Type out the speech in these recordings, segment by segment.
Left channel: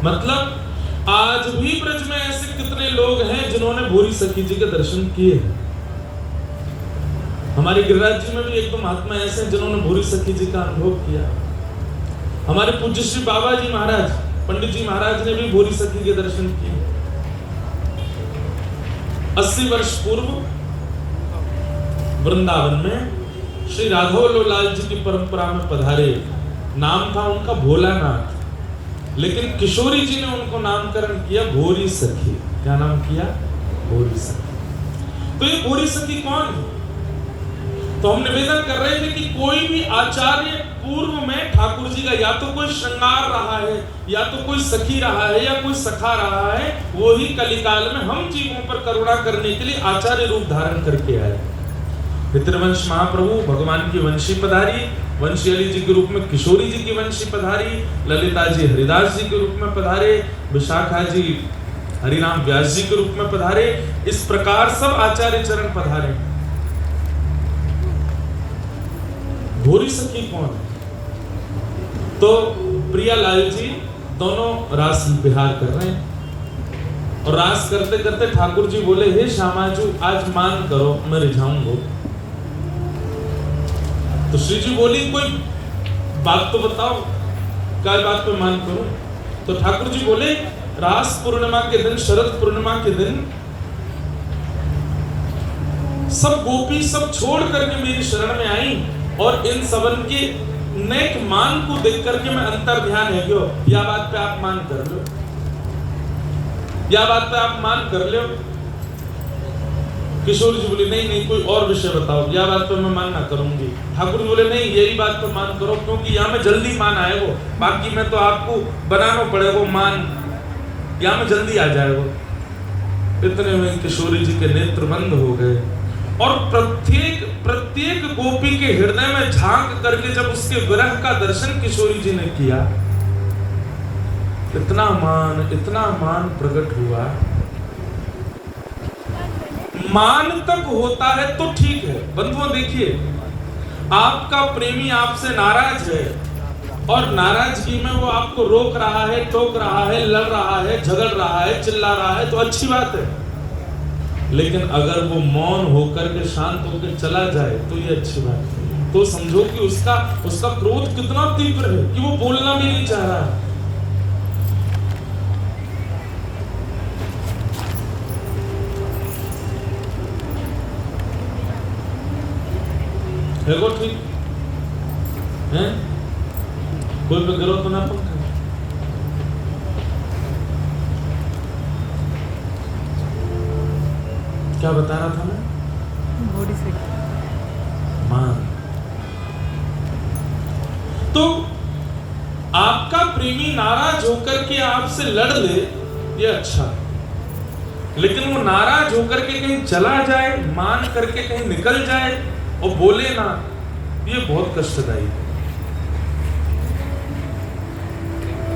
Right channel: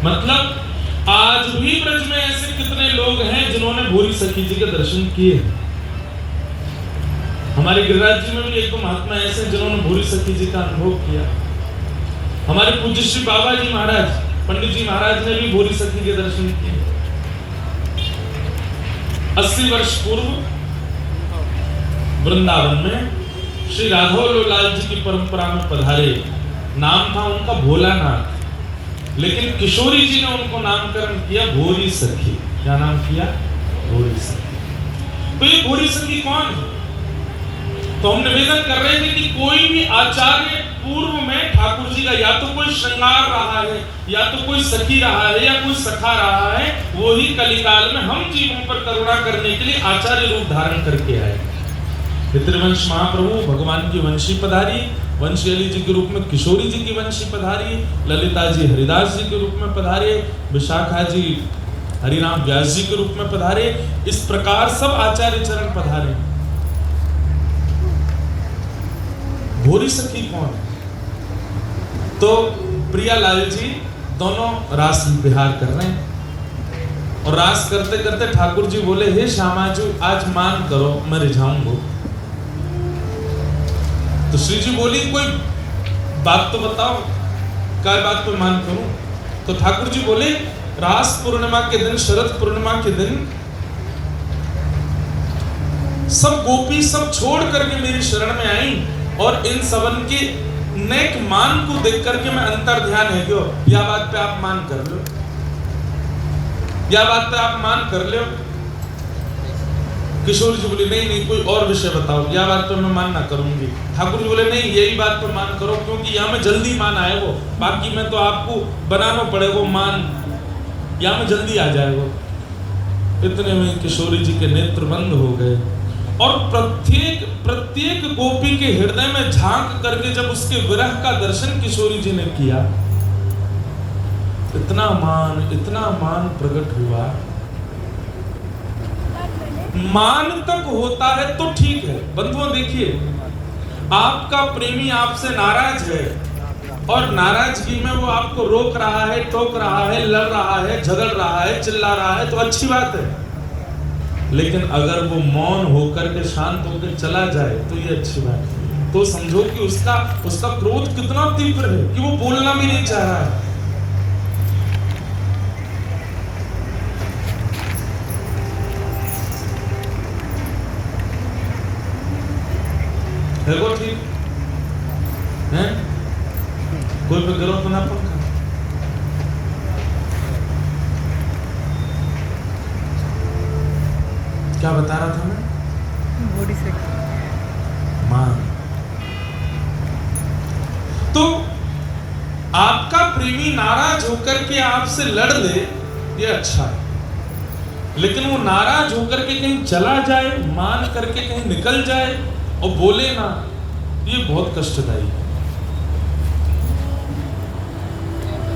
मतलब आज भी ब्रज में ऐसे कितने लोग हैं जिन्होंने भोरी सखी जी के दर्शन किए। हमारे गिरिराज जी में भी एक दो महात्मा ऐसे हैं जिन्होंने भोरी सखी जी का अनुभव किया। हमारे पूज्य श्री बाबा जी महाराज, पंडित जी महाराज ने भी भोरी सखी के दर्शन किए। 80 वर्ष पूर्व वृंदावन में श्री राघव लाल जी की परंपरा में पधारे। नाम था उनका भोलानाथ, लेकिन किशोरी जी ने उनको नामकरण किया भोरी सखी। क्या नाम किया? भोरी सखी। तो ये भोरी सखी कौन है? तो हम निवेदन कर रहे थे कि कोई भी आचार्य पूर्व में ठाकुर जी का या तो कोई श्रृंगार रहा है, या तो कोई सखी रहा है, या कोई सखा रहा है, वो ही कलिकाल में हम जीवों पर करुणा करने के लिए आचार्य रूप धारण करके आए। पितृवंश महाप्रभु भगवान की वंशी पधारी, वंशी अली जी के रूप में किशोरी जी की वंशी पधारी, ललिता जी हरिदास जी के रूप में पधारे, विशाखा जी हरिराम व्यास जी के रूप में पधारे। इस प्रकार सब आचार्य चरण पधारे। भोरी सखी कौन? तो प्रिया लाल जी दोनों रास विहार कर रहे हैं, और रास करते करते ठाकुर जी बोले, हे श्यामा जी आज मान करो, मैं रिझाऊंगा। तो श्री जी बोली, कोई बात तो बताओ, क्या बात पे मान करूं? तो ठाकुर जी बोले, रास पूर्णिमा के दिन, शरद पूर्णिमा के दिन सब गोपी सब छोड़ करके मेरी शरण में आई, और इन सबन के नेक मान को देख करके मैं अंतर ध्यान है क्यों, या बात पे आप मान कर लो, या बात पे आप मान कर लो। किशोर जी बोले, नहीं नहीं कोई और विषय बताओ, या बात पे मैं मान ना करूंगी। ठाकुर जी बोले, नहीं यही बात पे मान करो, क्योंकि यहाँ में जल्दी मान आए हो, बाकी में तो आपको बनाना पड़ेगा मान, यहाँ में जल्दी आ जाएगा। इतने में किशोरी जी के नेत्र बंद हो गए, और प्रत्येक गोपी के हृदय में झांक करके जब उसके विरह का दर्शन किशोरी जी ने किया, इतना मान प्रकट हुआ। मान तक होता है तो ठीक है बंधुओं, देखिए आपका प्रेमी आपसे नाराज है, और नाराजगी में वो आपको रोक रहा है, टोक रहा है, लड़ रहा है, झगड़ रहा है, चिल्ला रहा है, तो अच्छी बात है। लेकिन अगर वो मौन होकर के शांत होकर चला जाए तो ये अच्छी बात है। तो समझो कि उसका क्रोध कितना तीव्र है कि वो बोलना भी नहीं चाह रहा। है वो ठीक है? बोल के गलत होना पड़ता। क्या बता रहा था मैं? भोरी सखी मान। तो आपका प्रेमी नाराज होकर के आपसे लड़ ले, ये अच्छा, लेकिन वो नाराज होकर के कहीं चला जाए, मान करके कहीं निकल जाए और बोले ना, ये बहुत कष्टदायी है।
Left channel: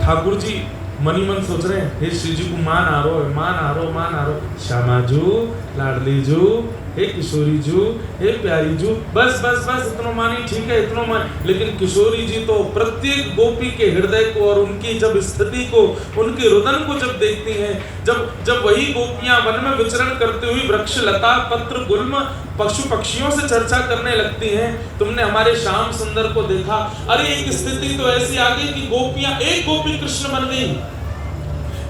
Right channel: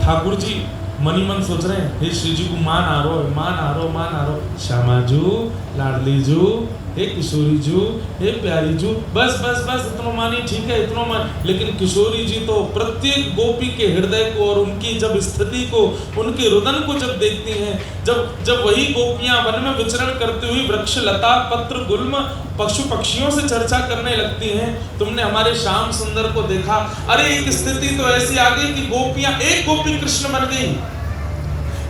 ठाकुर जी मनी मन सोच रहे हैं, हे श्री जी को मान आ रो, श्यामा जू, लाडली जू, हे किशोरी जू, हे प्यारी जू, बस इतना मानी, ठीक है इतना मान। लेकिन किशोरी जी तो प्रत्येक गोपी के हृदय को और उनकी जब स्थिति को, उनके रुदन को जब देखती हैं, जब वही गोपियां वन में विचरण करते हुए वृक्ष लता पत्र गुल्म पशु पक्षियों से चर्चा करने लगती हैं। तुमने हमारे श्याम सुंदर को देखा, अरे एक स्थिति तो ऐसी आ गई कि गोपियां, एक गोपी कृष्ण बन गई,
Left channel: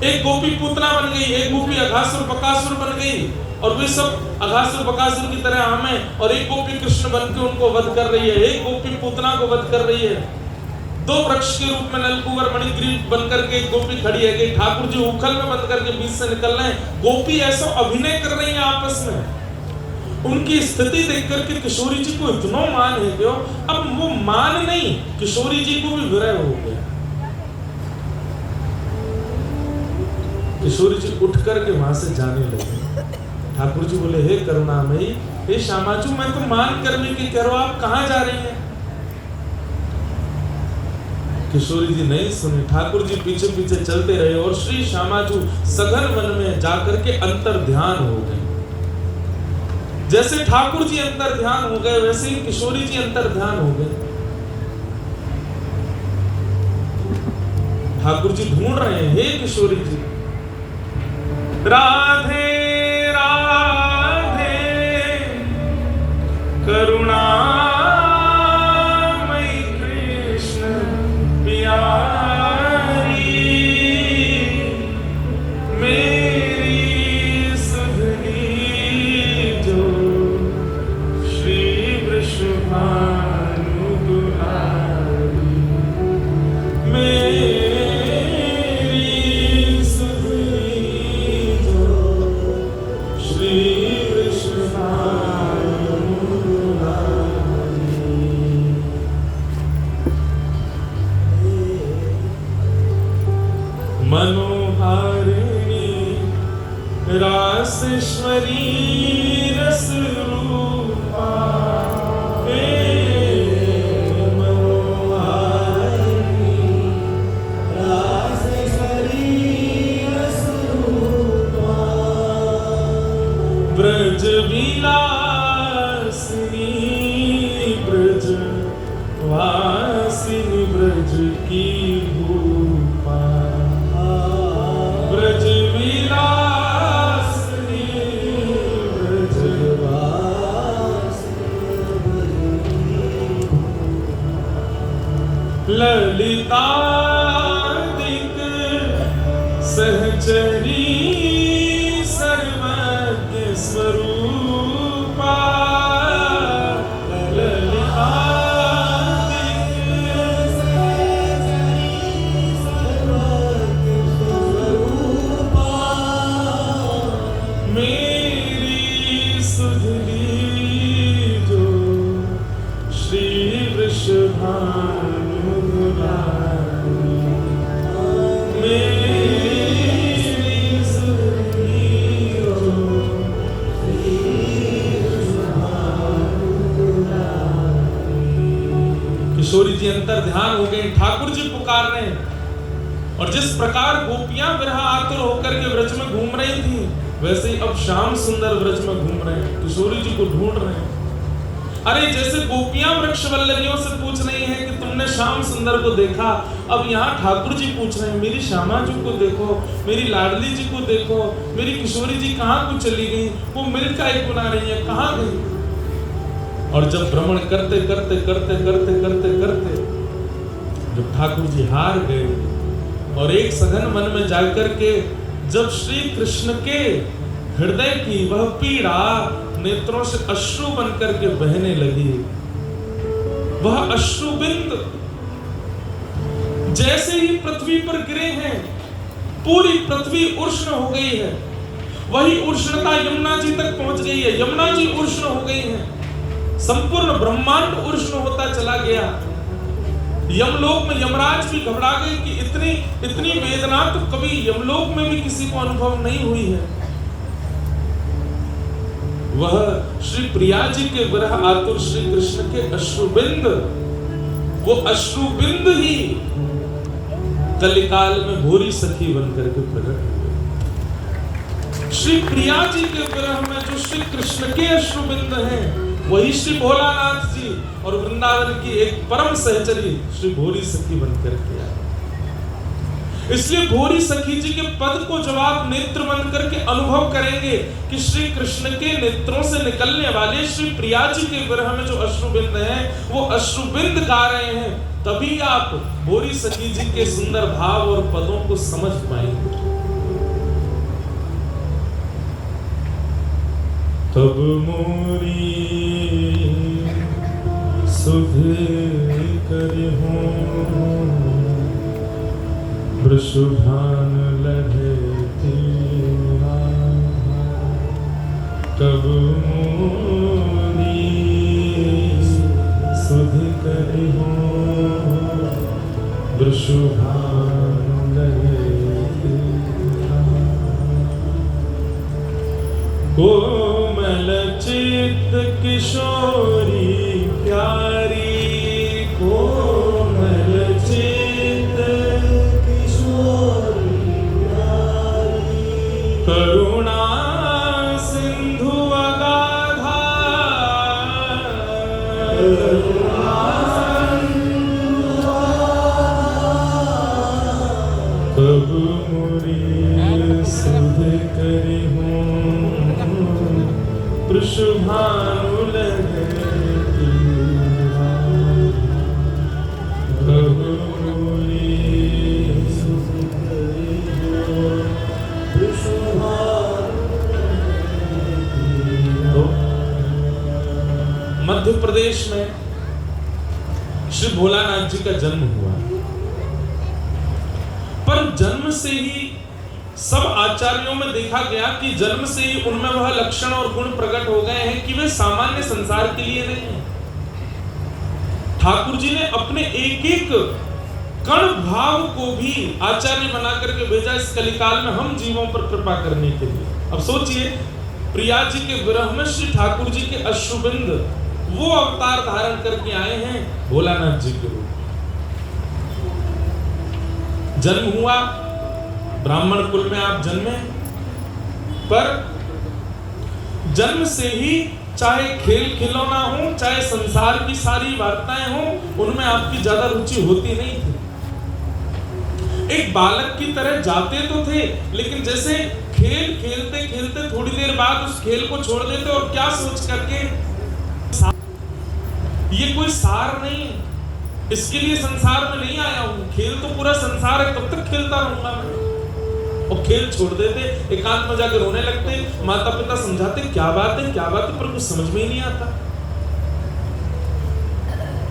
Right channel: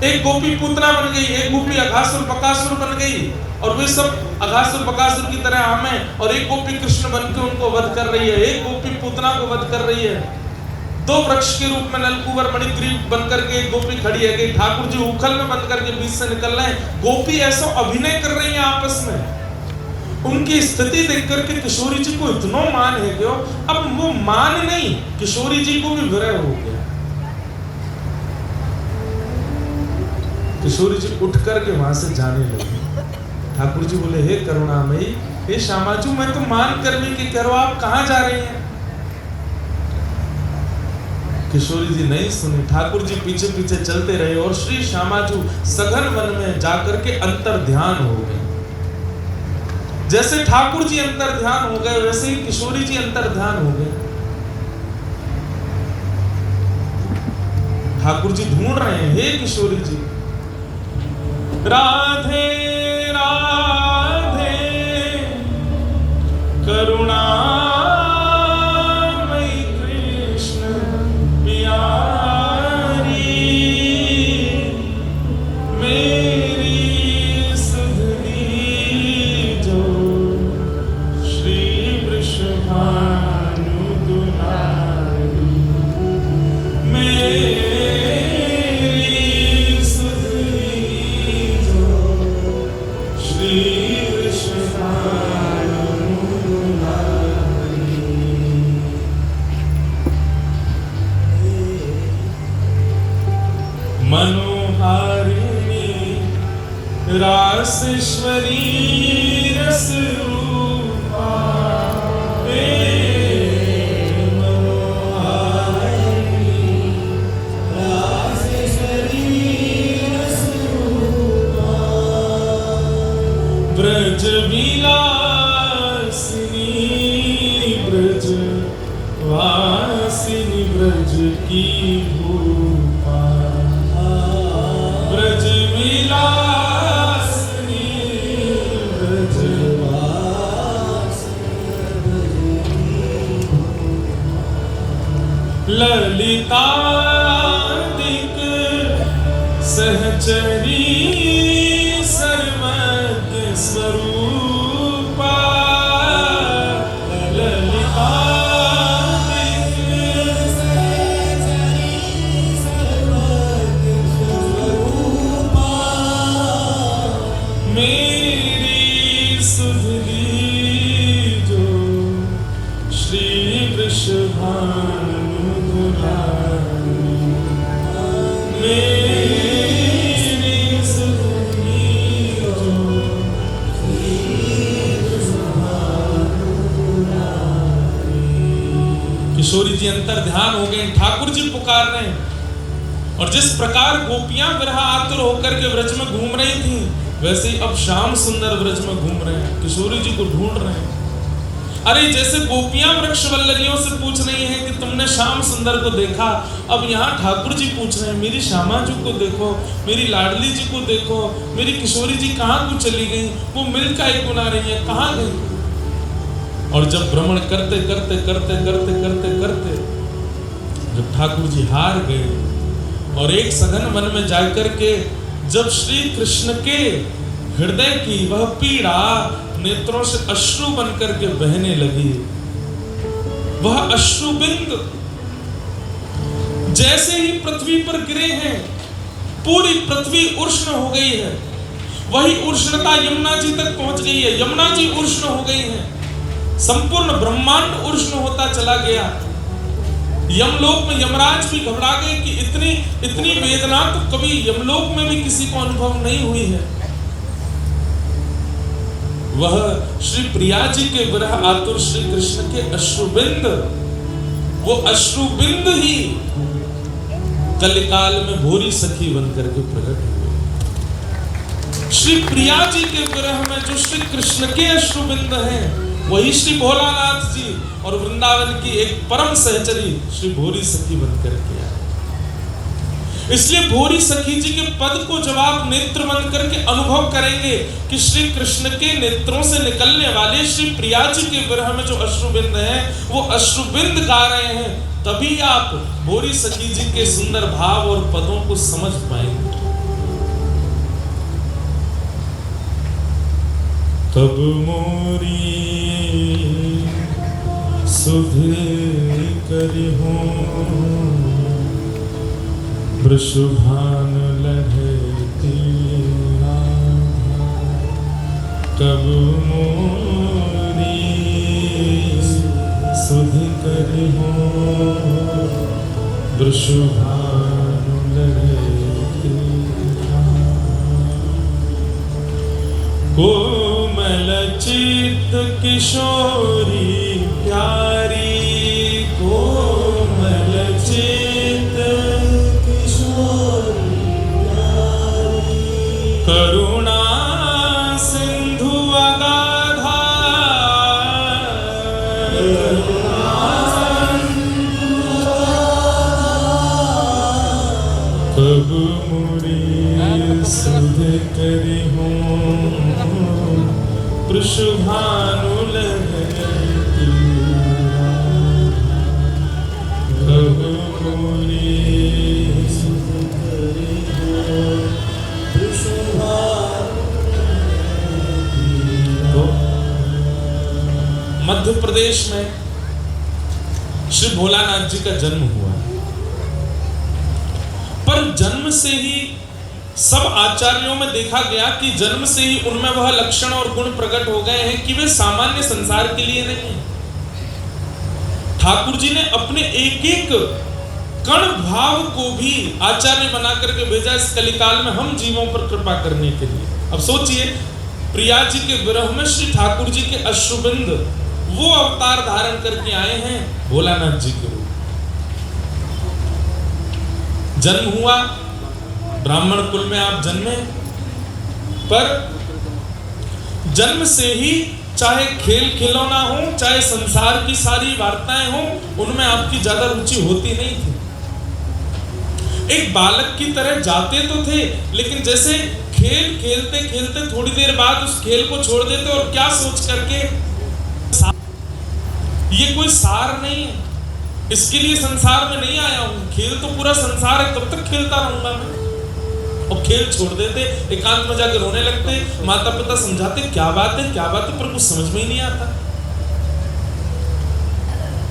एक गोपी पूतना बन गई, एक गोपी अघासुर बकासुर बन गई, और वे सब अघासुर बकासुर की तरह हमें, और एक गोपी कृष्ण बन के उनको वध कर रही है, एक गोपी पूतना को वध कर रही है। दो वृक्ष के रूप में नलकुवर मणिग्रीव बनकर के गोपी खड़ी है कि ठाकुर जी उखल में बंद करके बीच से निकल रहे हैं। गोपी ऐसा अभिनय कर रही है आपस में। उनकी स्थिति देख करके किशोरी जी को इतना मान है क्यों, अब वो मान नहीं, किशोरी जी को भी विरह हो गया। किशोरी जी उठ करके वहां से जाने लगे। ठाकुर जी बोले, हे करुणामयी, हे श्यामा जी, मैं तो मान करने की कह रहा हूं, आप कहां जा रही हैं? किशोरी जी नहीं सुनी। ठाकुर जी पीछे पीछे चलते रहे, और श्री श्यामा जी सघन वन में जाकर के अंतर ध्यान हो गए। जैसे ठाकुर जी अंतर ध्यान हो गए, वैसे ही किशोरी जी अंतर ध्यान हो गए। ठाकुर जी ढूंढ रहे हैं, हे किशोरी जी, राधे राधे करुणामयी कृष्ण प्यारी, मेरी सुधनी जो श्री वृषभानु दुलारी, मेरी सुधनी जो श्री वृषभानु दुलारी। मनोहारिणी रासेश्वरी रसरूपा, मनोहारिणी रासेश्वरी रसरूपा, ब्रज विलासिनी ब्रज वासिनी ब्रज की भूपा, ब्रज विलासिनी ब्रज वासिनी, ललितादिक सहचरी सर्वज्ञ स्वरूपा, ललितादिक सहचरी सर्वज्ञ स्वरूपा, मेरी सुधनी जो श्री वृषभानु दुलारी, मेरी सुधनी जो श्री वृषभानु दुलारी। किशोरी जी अंतर ध्यान हो गए, ठाकुर जी पुकार रहे हैं, और जिस प्रकार गोपियां विरह आतुर होकर के व्रज में घूम रही थी, वैसे ही अब श्याम सुंदर व्रज में घूम रहे हैं, किशोरी जी को ढूंढ रहे हैं। अरे जैसे गोपियां वृक्ष वल्लरियों से पूछ रही हैं कि तुमने श्याम सुंदर को देखा, अब यहाँ ठाकुर जी पूछ रहे हैं मेरी श्यामा जी को देखो, मेरी लाडली जी को देखो, मेरी किशोरी जी कहाँ को चली गई, वो मिल का एक गुना रही है, कहाँ गई। और जब भ्रमण करते करते करते करते करते करते जब ठाकुर जी हार गए और एक सघन वन में जाकर के जब श्री कृष्ण के हृदय की वह पीड़ा नेत्रों से अश्रु बनकर के बहने लगी, वह अश्रु बिंद जैसे ही पृथ्वी पर गिरे हैं, पूरी पृथ्वी उष्ण हो गई है, वही उष्णता यमुना जी तक पहुंच गई है, यमुना जी उष्ण हो गई है, संपूर्ण ब्रह्मांड उष्ण होता चला गया। यमलोक में यमराज भी घबरा गए कि इतनी वेदना तो कभी यमलोक में भी किसी को अनुभव नहीं हुई है। वह श्री प्रिया जी के विरह आतुर श्री कृष्ण के अश्रुबिंद, वो अश्रुबिंद ही कलिकाल में भोरी सखी बनकर के प्रकट हुए। श्री प्रिया जी के विरह में जो श्री कृष्ण के अश्रुबिंद हैं, वही श्री भोलानाथ जी और वृंदावन की एक परम सहचरी श्री भोरी सखी बनकर के आए। इसलिए भोरी सखी जी के पद को जब आप नेत्र बंद करके अनुभव करेंगे कि श्री कृष्ण के नेत्रों से निकलने वाले श्री प्रिया जी के विरह में जो अश्रुबिंद हैं, वो अश्रुबिंद गा रहे हैं, तभी आप भोरी सखी जी के सुंदर भाव और पदों को समझ पाएंगे। तब मोरी सुध करहूं वृषभान लहती, तब मोरी सुध करहूं वृषभान लहती, कोमल चित्त किशोरी प्यारी, कोमल चित्त किशोरी प्यारी, करुणा सिंधु अगाधा, करुणा सिंधु अगाधा, कब मोरी सुध करी हूँ कृष्भानु लहती कब मोरी सुध करी हूँ कृष्भानु। तो मध्य प्रदेश में श्री भोलानाथ जी का जन्म हुआ, पर जन्म से ही सब आचार्यों में देखा गया कि जन्म से ही उनमें वह लक्षण और गुण प्रकट हो गए हैं कि वे सामान्य संसार के लिए नहीं हैं। ठाकुर जी ने अपने एक एक कण भाव को भी आचार्य बना करके भेजा इस कलिकाल में हम जीवों पर कृपा करने के लिए। अब सोचिए, प्रिया जी के विरह में श्री ठाकुर जी के अश्रुबिंद वो अवतार धारण करके आए हैं भोलानाथ जी के रूप। जन्म हुआ, ब्राह्मण कुल में आप जन्मे, पर जन्म से ही चाहे खेल खिलौना हो, चाहे संसार की सारी वार्ताएं हो, उनमें आपकी ज्यादा रुचि होती नहीं थी। एक बालक की तरह जाते तो थे, लेकिन जैसे खेल खेलते खेलते थोड़ी देर बाद उस खेल को छोड़ देते और क्या सोच करके, ये कोई सार नहीं है, इसके लिए संसार में नहीं आया हूं, खेल तो पूरा संसार है, तब तक खेलता रहूंगा मैं। और खेल छोड़ देते, एकांत में जाकर रोने लगते, माता पिता समझाते क्या बात है पर कुछ समझ में ही नहीं आता।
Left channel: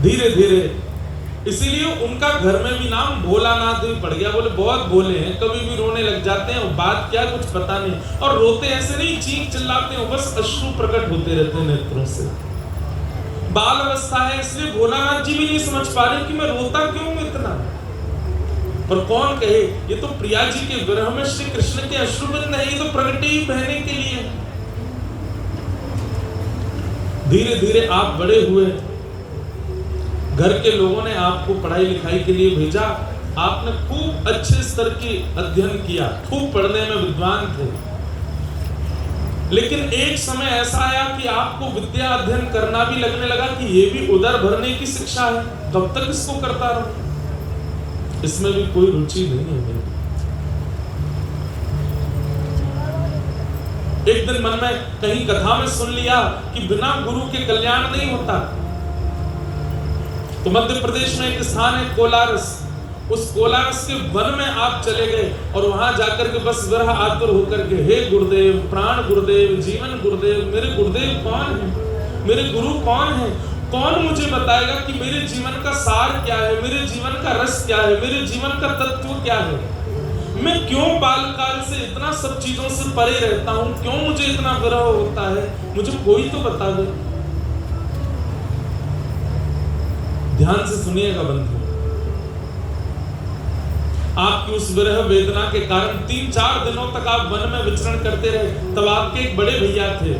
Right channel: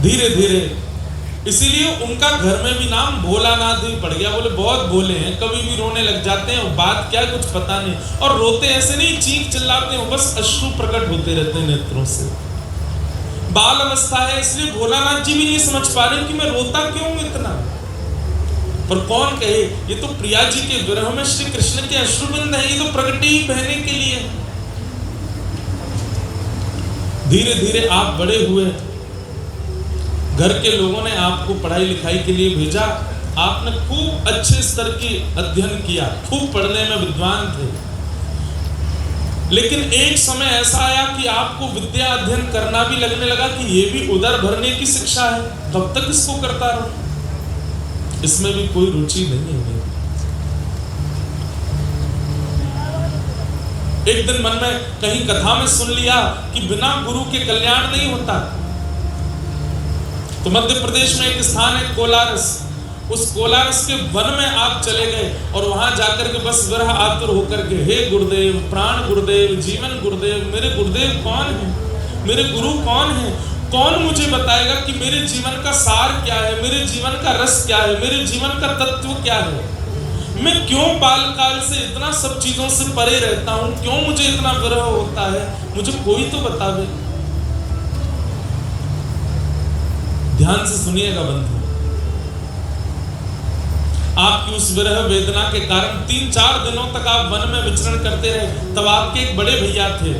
धीरे धीरे इसीलिए उनका घर में भी नाम भोलानाथ ही पड़ गया। बोले बहुत भोले हैं, कभी भी रोने लग जाते हैं, बात क्या कुछ पता नहीं, और रोते ऐसे नहीं, चीख चिल्लाते हैं, बस अश्रु प्रकट होते रहते हैं नेत्रों से। बाल अवस्था है, इसलिए भोलानाथ जी भी नहीं समझ पा रहे कि मैं रोता क्यों इतना। पर कौन कहे, ये तो प्रिया जी के विरह में श्री कृष्ण के अश्रुबिंद है, ये तो प्रगति ही बहने के लिए। धीरे धीरे आप बड़े हुए, घर के लोगों ने आपको पढ़ाई लिखाई के लिए भेजा, आपने खूब अच्छे स्तर की अध्ययन किया, खूब पढ़ने में विद्वान थे। लेकिन एक समय ऐसा आया कि आपको विद्या अध्ययन करना भी लगने लगा कि ये भी उदर भरने की शिक्षा है, कब तक इसको करता रहूं, इसमें भी कोई रुचि नहीं है। एक दिन मन में कहीं कथा में सुन लिया कि बिना गुरु के कल्याण नहीं होता। तो मध्य प्रदेश में एक स्थान है कोलारस, उस कोलारस के वन में आप चले गए और वहां जाकर के बस विरह आतुर होकर के, हे गुरुदेव, प्राण गुरुदेव, जीवन गुरुदेव, मेरे गुरुदेव कौन है, मेरे गुरु कौन है, कौन मुझे बताएगा कि मेरे जीवन का सार क्या है, मेरे जीवन का रस क्या है, मेरे जीवन का तत्व क्या है, मैं क्यों बालकाल से इतना सब चीजों से परे रहता हूं, क्यों मुझे इतना विरह होता है, मुझे कोई तो बता दे। ध्यान से सुनिएगा बंधु, आपकी उस विरह वेदना के कारण 3-4 दिनों तक आप वन में विचरण करते रहे। तब आपके एक बड़े भैया थे,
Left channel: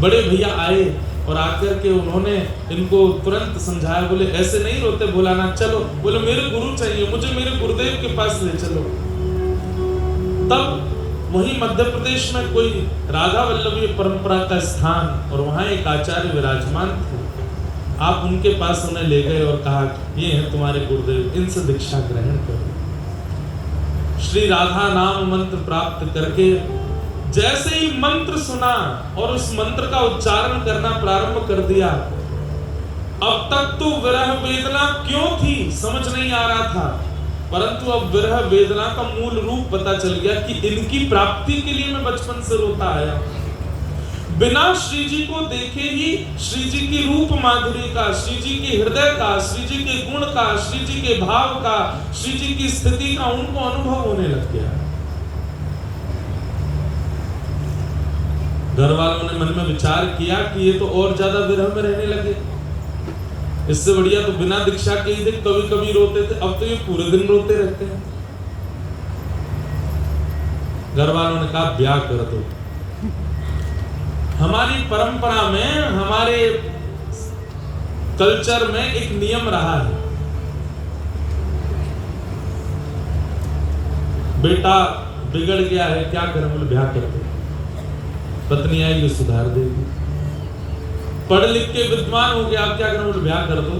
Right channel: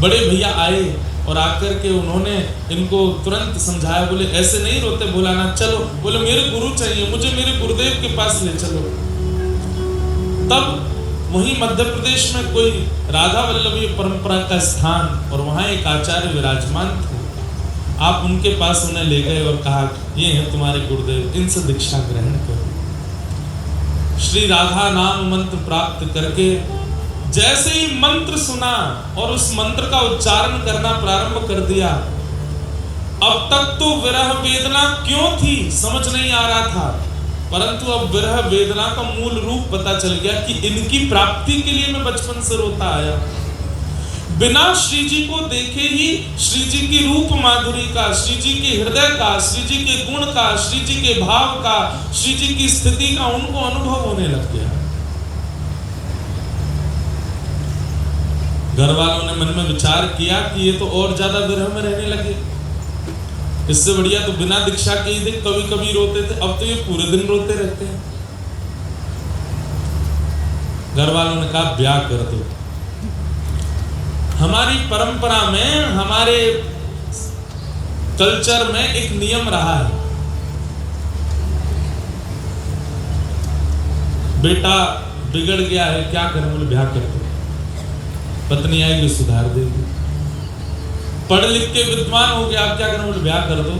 बड़े भैया आए और आकर के उन्होंने इनको तुरंत समझाया, बोले ऐसे नहीं रोते भोलानाथ, चलो, बोले मेरे गुरु चाहिए, मुझे मेरे गुरुदेव के पास ले चलो। तब वहीं मध्य प्रदेश में कोई राधा वल्लभी परंपरा का स्थान और वहां एक आचार्य विराजमान थे, आप उनके पास उन्हें ले गए और कहा, ये हैं तुम्हारे गुरुदेव, इनसे दीक्षा ग्रहण करो। श्री राधा नाम मंत्र प्राप्त करके जैसे ही मंत्र सुना और उस मंत्र का उच्चारण करना प्रारंभ कर दिया, अब तक तो विरह वेदना क्यों थी समझ नहीं आ रहा था, परंतु अब विरह वेदना का मूल रूप पता चल गया कि इनकी प्राप्ति के लिए मैं बचपन से रोता आया। बिना श्री जी को देखे ही श्री जी की रूप माधुरी का, श्री जी के हृदय का, श्री जी के गुण का, श्री जी के भाव का, श्री जी की स्थिति का उनको अनुभव होने लग गया। घर वालों ने मन में विचार किया कि ये तो और ज्यादा विरह में रहने लगे, इससे बढ़िया तो बिना दीक्षा के ही देख कभी कभी रोते थे, अब तो ये पूरे दिन रोते रहते हैं। घर वालों ने कहा ब्याह कर दो। हमारी परंपरा में, हमारे कल्चर में एक नियम रहा है, बेटा बिगड़ गया है, क्या करें, बोले ब्याह कर दो, पत्नी आएगी सुधार देगी। पढ़ लिख के विद्वान हो गया, आप क्या करें, बोले ब्याह कर दो।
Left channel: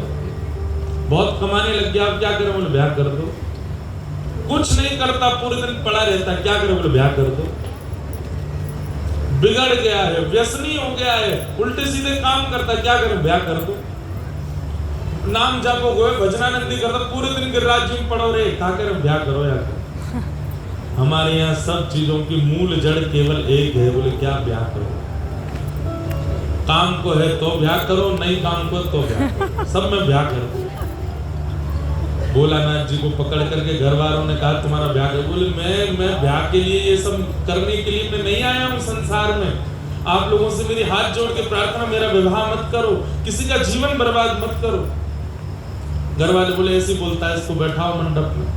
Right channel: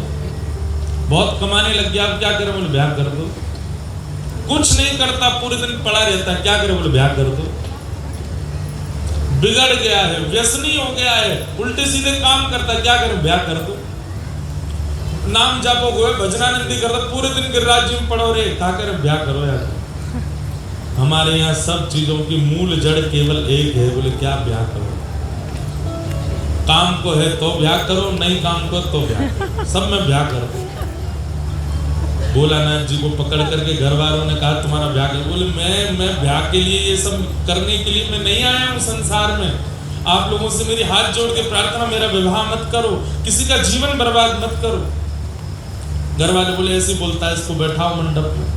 बहुत कमाने लग गया, आप क्या करें, बोले ब्याह कर दो। कुछ नहीं करता, पूरे दिन पड़ा रहता है, क्या करे? बोले ब्याह कर दो। बिगड़ गया है, व्यसनी हो गया है, उल्टे सीधे काम करता है, क्या करे? ब्याह कर दो। नाम जापो गो भजनानंदी करता, पूरे दिन गिरिराज जी में पड़ो रहे, क्या करे? ब्याह करो यार। हमारे यहाँ सब चीजों की मूल जड़ केवल एक है, बोले क्या? ब्याह करो। काम को है तो ब्याह करो, नहीं काम को तो ब्याह करो, सब में ब्याह करो। भोलानाथ जी को पकड़ करके घर वालों ने कहा तुम्हारा ब्याह कर। बोले मैं ब्याह के लिए, ये सब करने के लिए मैं नहीं आया हूँ संसार में। आप लोगों से मेरी हाथ जोड़ के प्रार्थना, मेरा विवाह मत करो, किसी का जीवन बर्बाद मत करो। घर वाले बोले ऐसे बोलता है, इसको बैठाओ मंडप में।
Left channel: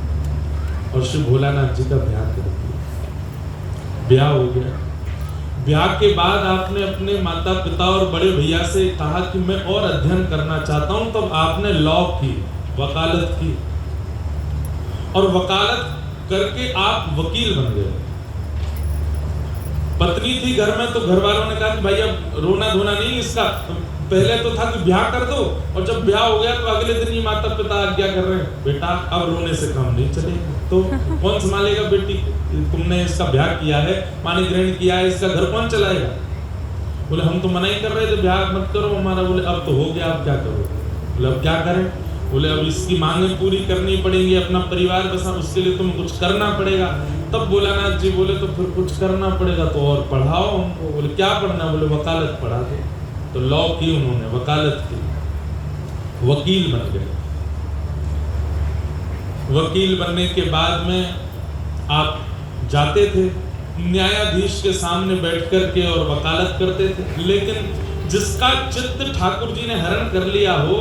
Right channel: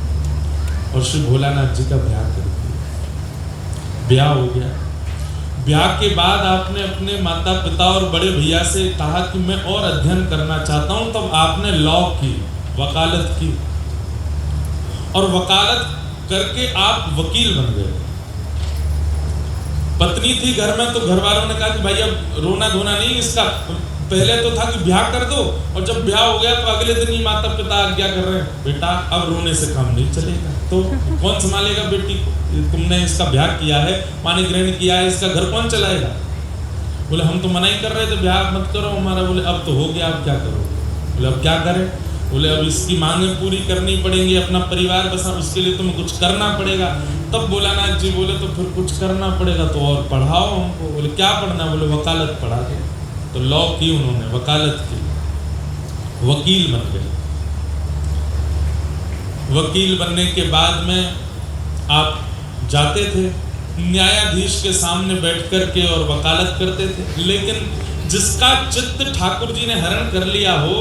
और श्री भोलानाथ जी का ब्याह कर दिया। ब्याह हो गया। ब्याह के बाद आपने अपने माता पिता और बड़े भैया से कहा कि मैं और अध्ययन करना चाहता हूं, तब आपने लॉ की, वकालत की, और वकालत करके आप वकील बन गए। पत्नी थी घर में, तो घर वालों ने कहा कि भाई अब रोना धोना नहीं इसका। पहले तो था कि ब्याह कर दो, और जब ब्याह हो गया तो अगले दिन ही माता पिता आज्ञा कर रहे हैं, बेटा अब रोने से काम नहीं चलेगा। तो कौन संभालेगा बेटी को? तुमने इसका ब्याह किया है, पानी ग्रहण किया है, इसका घर कौन चलाएगा? बोले हम तो मना ही कर रहे थे, ब्याह मत करो हमारा। बोले अब तो हो गया, अब क्या करो? बोले अब क्या करें? बोले अब इसकी मांगें पूरी करनी पड़ेंगी, अपना परिवार बसा, उसके लिए तुम्हें कुछ करना पड़ेगा। तब भोलानाथ जी बोले तो फिर कुछ करना पड़ेगा तो और पढ़ाओ हमको। बोले क्या पढ़ना? बोले वकालत पढ़ा दो। तो लॉ की उन्होंने, वकालत की, वकील बन गए। वकील बनने के बाद में आप जाते थे न्यायाधीश के सामने बैठ कर के और वकालत करते थे। लेकिन जिसका चित्त ठाकुर जी ने हरण कर लिया हो,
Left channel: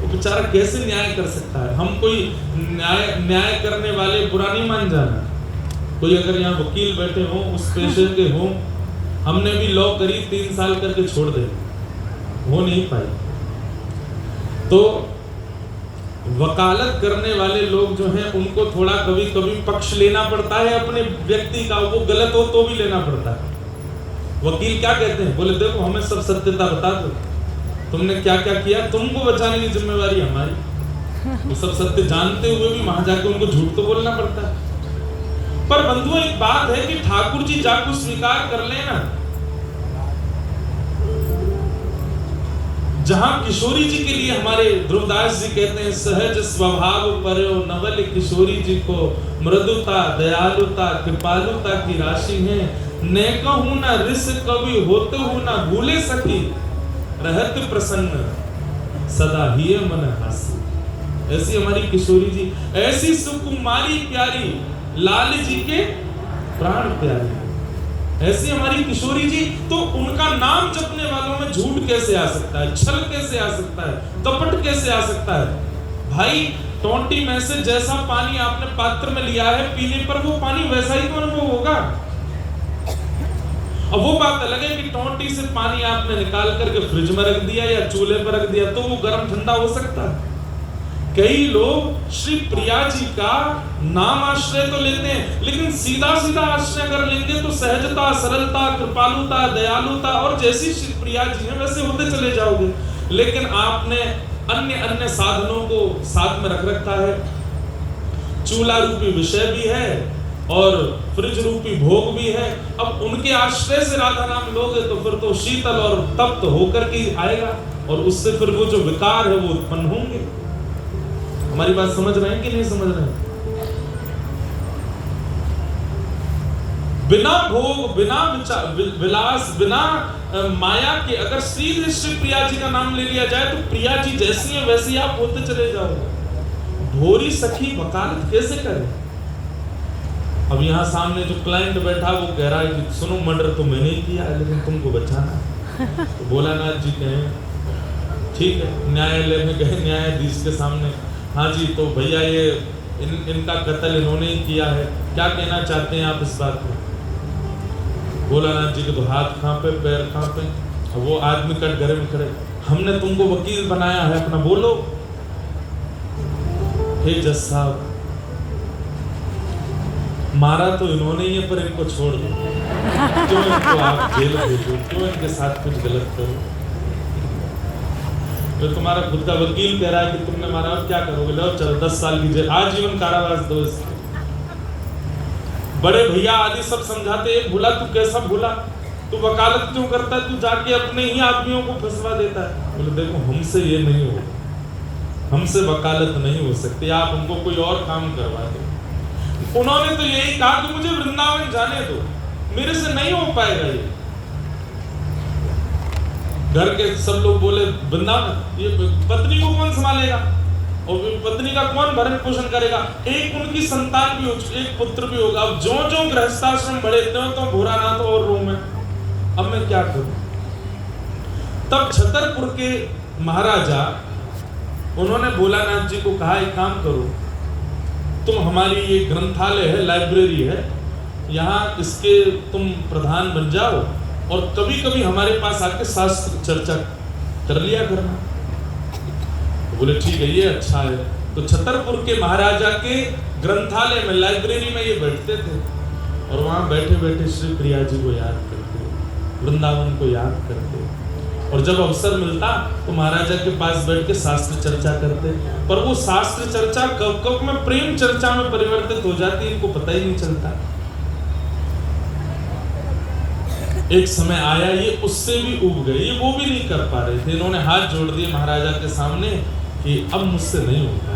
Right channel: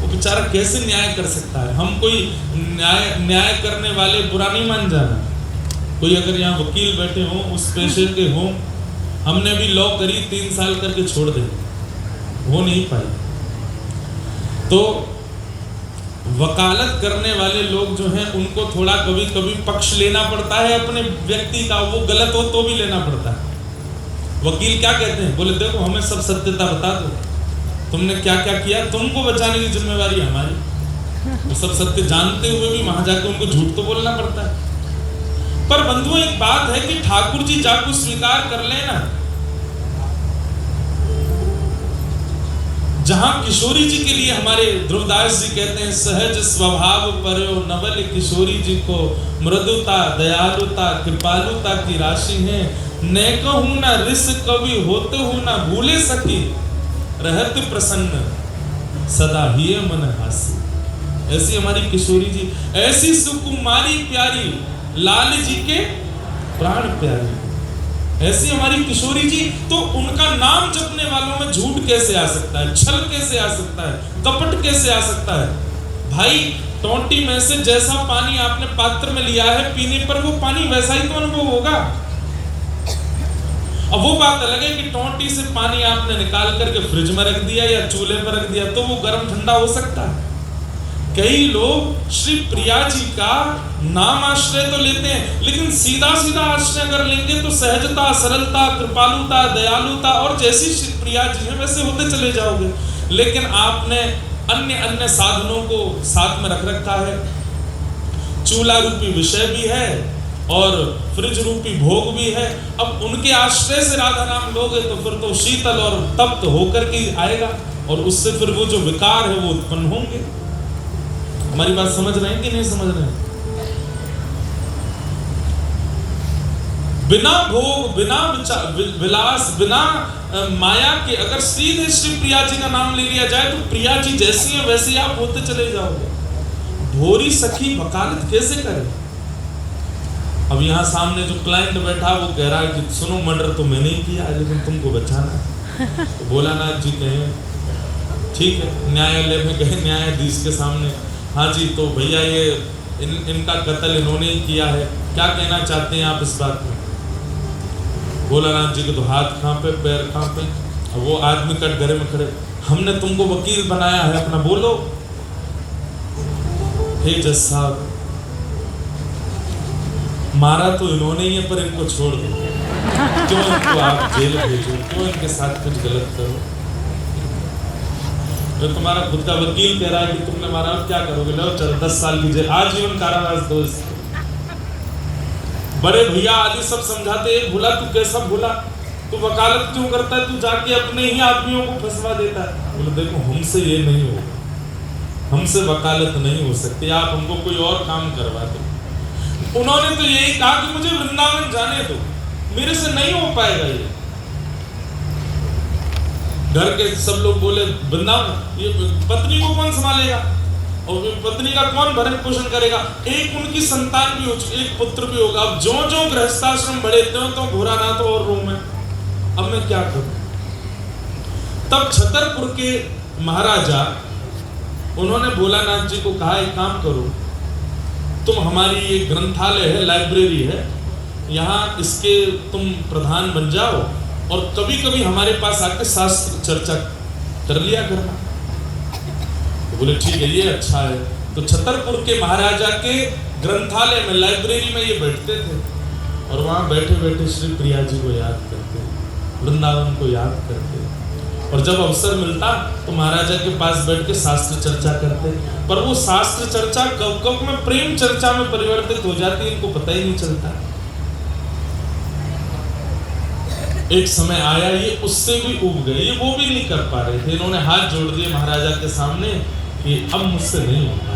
वो बेचारा कैसे न्याय कर सकता है? हम कोई न्याय करने वाले बुरा नहीं मान जाना। कोई अगर यहाँ वकील बैठे हों, उस पेशे के हों, हमने भी लॉ करी 3 साल करके छोड़ दे, हो नहीं पाए। तो वकालत करने वाले लोग जो हैं, उनको थोड़ा कभी कभी पक्ष लेना पड़ता है अपने व्यक्ति का, वो गलत हो तो भी लेना पड़ता है। वकील क्या कहते हैं? बोले देखो हमें सब सत्यता बता दो, तुमने क्या क्या किया, तुमको बचाने की जिम्मेवारी हमारी। वो सब सत्य जानते हुए भी वहां जाकर उनको झूठ तो बोलना पड़ता है। पर बंधुओं एक बात है कि ठाकुर जी जाको स्वीकार कर लेना, जहां किशोरी जी के लिए हमारे ध्रुवदास जी कहते हैं, सहज स्वभाव पर्यो नवल किशोरी जी को मृदुता दयालुता कृपालुता की राशि है। न कहूं न रिस कवि होते हूं न भूले सकी, रहत प्रसन्न सदा ही मन हासी। ऐसी हमारी किशोरी जी, ऐसी सुकुमारी प्यारी, लाल जी के प्राण प्यारे, ऐसी हमारी किशोरी जी। तो उनका नाम जपने वालों में झूठ कैसे आ सकता है? छल कैसे आ सकता है? कपट कैसे आ सकता है? भाई टोंटी में से जैसा पानी आपने पात्र में लिया है, पीने पर वो पानी वैसा ही तो अनुभव होगा। अब वो बात अलग है कि टोंटी से पानी आपने निकाल करके फ्रिज में रख दिया या चूल्हे पर रख दिया, तो वो गर्म ठंडा हो सकता है। कई लोग श्री प्रिया जी का नाम आश्रय तो लेते हैं, लेकिन सीधा सीधा आश्रय अगर लेंगे तो सहजता, सरलता, कृपालुता, दयालुता और जैसी श्री प्रिया जी है वैसे होते चले जाओगे। लेकिन आपने अन्य अन्य साधनों को साथ में रख रखा है। चूल्हा रूपी विषय भी है और फ्रिज रूपी भोग भी है। अब उनके आश्रय से राधा नाम लोगे तो फिर तो शीतल और तप्त होकर के आएगा, और उससे फिर वो जो विकार है वो उत्पन्न होंगे। हमारी बात समझ रहे हैं कि नहीं समझ रहे हैं? बिना भोग, बिना विलास, बिना माया के अगर सीधे श्री प्रिया जी का नाम ले लिया जाए तो प्रिया जी जैसी है वैसी आप होते चले जाओ। भोरी सखी वकालत कैसे करे? अब यहाँ सामने जो क्लाइंट बैठा वो कह रहा है कि सुनो मर्डर तो मैंने ही किया है, लेकिन तुमको बचाना। तो भोलानाथ जी कहें ठीक है, न्यायालय में गए न्यायाधीश के सामने, हाँ जी तो भैया ये इनका कत्ल इन्होंने ही किया है, क्या कहना चाहते हैं आप इस बात में? भोलानाथ जी को तो हाथ कांपे, पैर कांपे, वो आदमी कट घरे में खड़े, हमने तुमको वकील बनाया है, अपना बोलो। हे जज साहब, मारा तो इन्होंने ही है पर इनको छोड़ दो, क्यों इनको आप जेल भेजो, क्यों इनके साथ कुछ गलत करो? तो तुम्हारा खुद का वकील कह रहा है कि तुमने मारा, अब क्या करोगे? लो चलो 10 साल की जेल, आजीवन कारावास दो इसको। बड़े भैया आदि सब समझाते, भूला तू कैसा भूला, तू वकालत क्यों करता है, तू जाके अपने ही आदमियों को फंसवा देता है। बोले देखो हमसे ये नहीं होगा, हमसे वकालत नहीं हो सकती, आप हमको कोई और काम करवा दो। उन्होंने तो यही कहा कि मुझे वृंदावन जाने दो, मेरे से नहीं हो पाएगा ये। घर के सब लोग बोले वृंदावन, ये पत्नी को कौन संभालेगा और पत्नी का कौन भरण पोषण करेगा? एक उनकी संतान भी हो चुकी, एक पुत्र भी होगा। अब जो जो गृहस्थाश्रम बढ़े तो भूरानाथ और रूम है, अब मैं क्या करूं? तब छतरपुर के महाराजा उन्होंने भोलानाथ जी को कहा एक काम करो, तुम हमारी ये ग्रंथालय है, लाइब्रेरी है, यहाँ इसके तुम प्रधान बन जाओ और कभी कभी हमारे पास आके शास्त्र चर्चा कर लिया करना। तो बोले ठीक है, ये अच्छा है। तो छतरपुर के महाराजा के ग्रंथालय में, लाइब्रेरी में ये बैठते थे और वहां बैठे बैठे श्री प्रिया जी को याद करते, वृंदावन को याद करते, और जब अवसर मिलता तो महाराजा के पास बैठ के शास्त्र चर्चा करते। पर वो शास्त्र चर्चा कब कब में प्रेम चर्चा में परिवर्तित हो जाती है, इनको पता ही नहीं चलता। एक समय आया ये उससे भी उब गए, ये वो भी नहीं कर पा रहे थे। इन्होंने हाथ जोड़ दिए महाराजा के सामने कि अब मुझसे नहीं होता।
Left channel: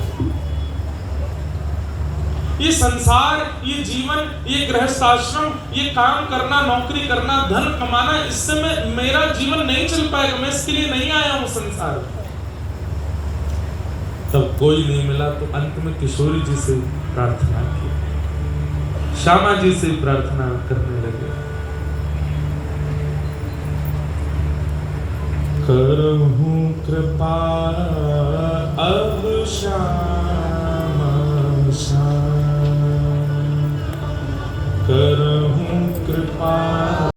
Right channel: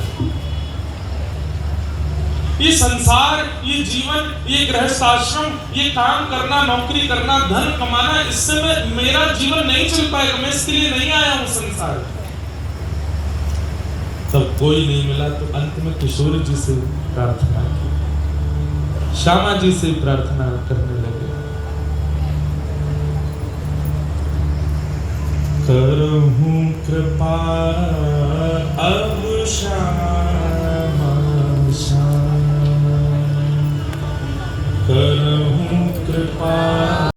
ये संसार, ये जीवन, ये गृहस्थाश्रम, ये काम करना, नौकरी करना, धन कमाना, इससे मेरा जीवन नहीं चल पाएगा, मैं इसके लिए नहीं आया हूं संसार। तब कोई नहीं मिला तो अंत में किशोरी जी से प्रार्थना की, श्यामा जी से प्रार्थना करने लगे, करहूं कृपा अब श्यामा श्याम, करहूं कृपा।